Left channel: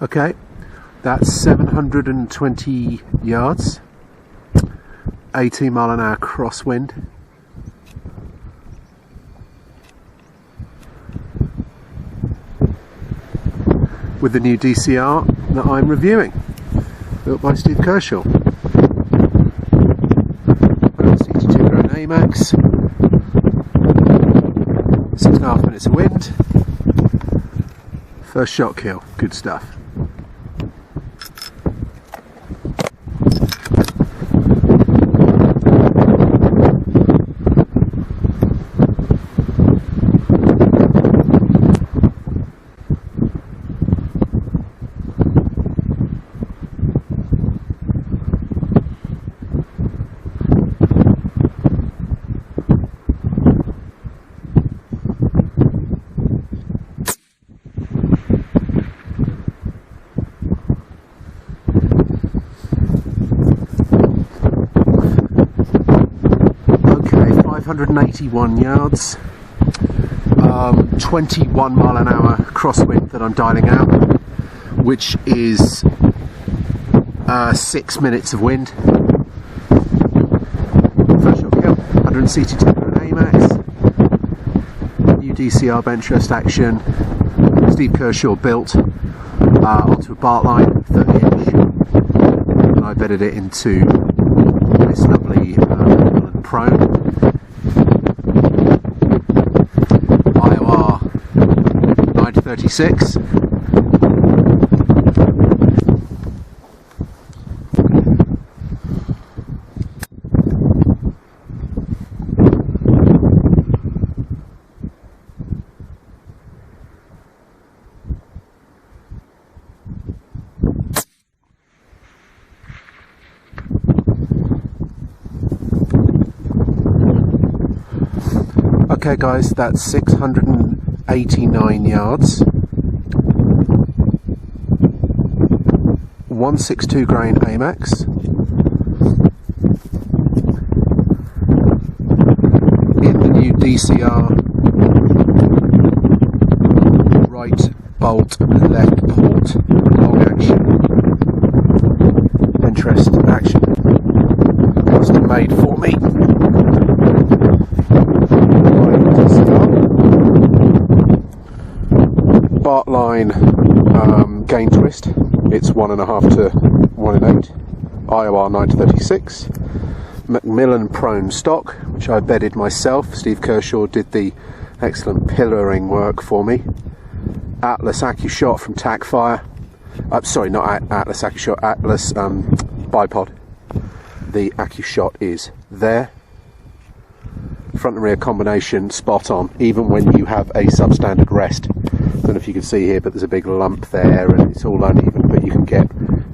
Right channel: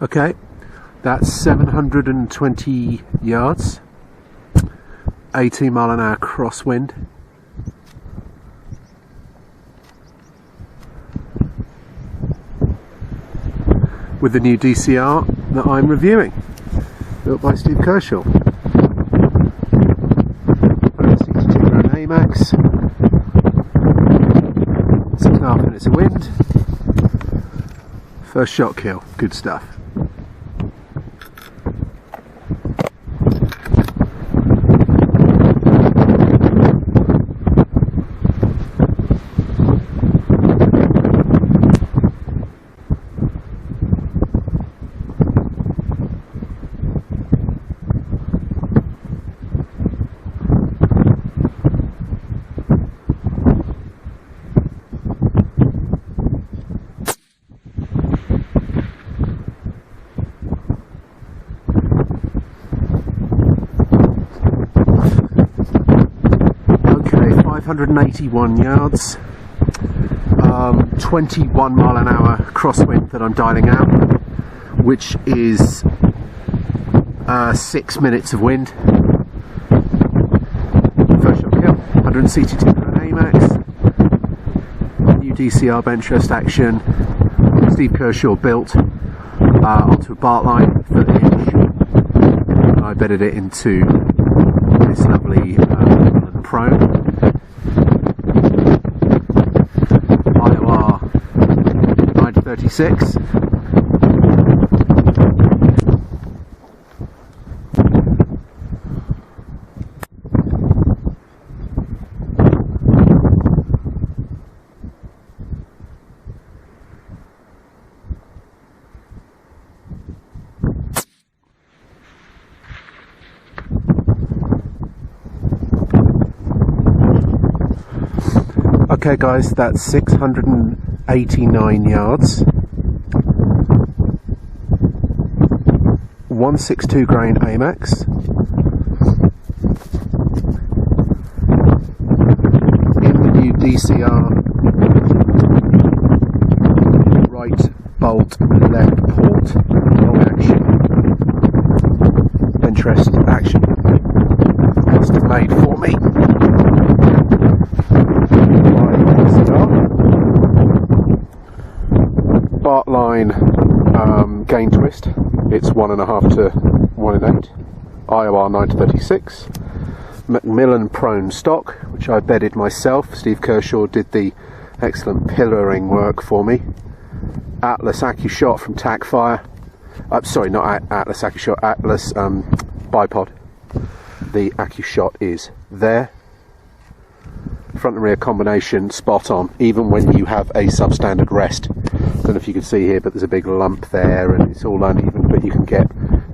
Okay, that's 720 yards, 18 mile an hour crosswind. With the new DCR that I'm reviewing, built by Steve Kershaw. 162 grand Amax, 6.5 minutes of wind, first shot kill, good stuff. Okay, 581 yards, 21 mile an hour crosswind that I'm dialing out, which is 6 minutes of wind. First shot kill, 162 grand Amax, new DCR bench rest action, Steve Kershaw built onto a bark line, 30 inch, and I bedded it into this lovely prone. IOR 936. Okay guys, that's 689 yards, 162 grain Amax, in the new DCR right bolt, left port, long action, bench rest action, custom made for me by DCR. Bark line gain twist, it's 1.5 to 1 in 8, IOR 936, Macmillan prone stock, which I bedded myself. Steve Kershaw did the excellent pillaring work for me. Atlas Accu-shot from Tacfire, sorry, not Atlas Accu-shot, Atlas bipod. The Accu-shot is there. Front and rear combination spot on, even when you have a substandard rest. Don't know if you can see here, but there's a big lump there and it's all uneven, but you can get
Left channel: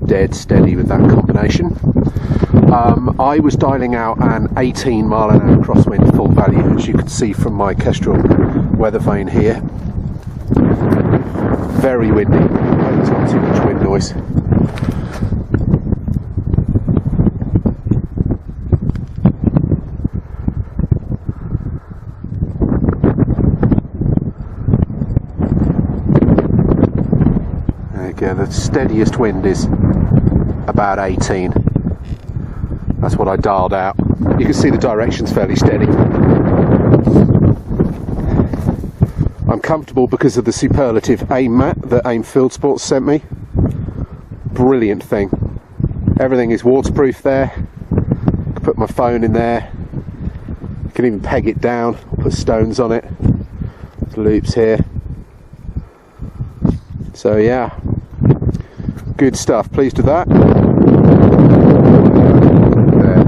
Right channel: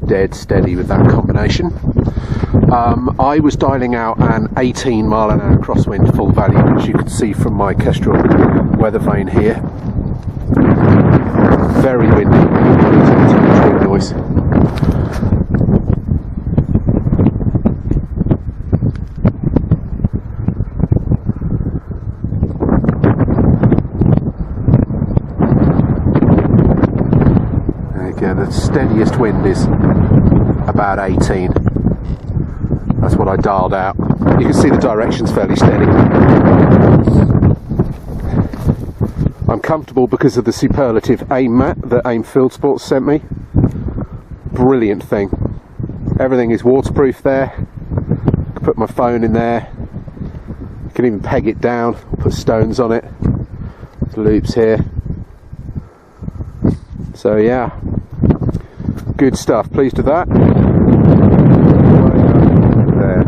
dead steady with that combination. I was dialing out an 18 mile an hour crosswind full value, as you can see from my Kestrel weather vane here. Very windy, hope it's not too much wind noise. Yeah, the steadiest wind is about 18. That's what I dialed out. You can see the direction's fairly steady. I'm comfortable because of the superlative aim mat that Aim Field Sports sent me. Brilliant thing. Everything is waterproof there. I can put my phone in there. I can even peg it down or put stones on it. There's loops here. So yeah, good stuff. Pleased with that. Way up there.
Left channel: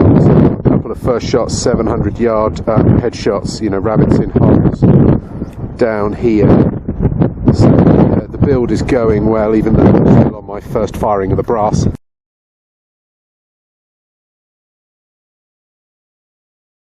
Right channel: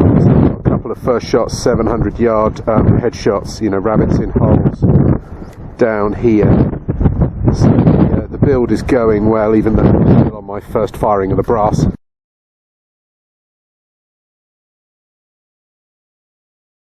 I've also got a couple of first shots, 700 yard headshots, you know, rabbits in holes down here. So the build is going well, even though I'm still on my first firing of the brass.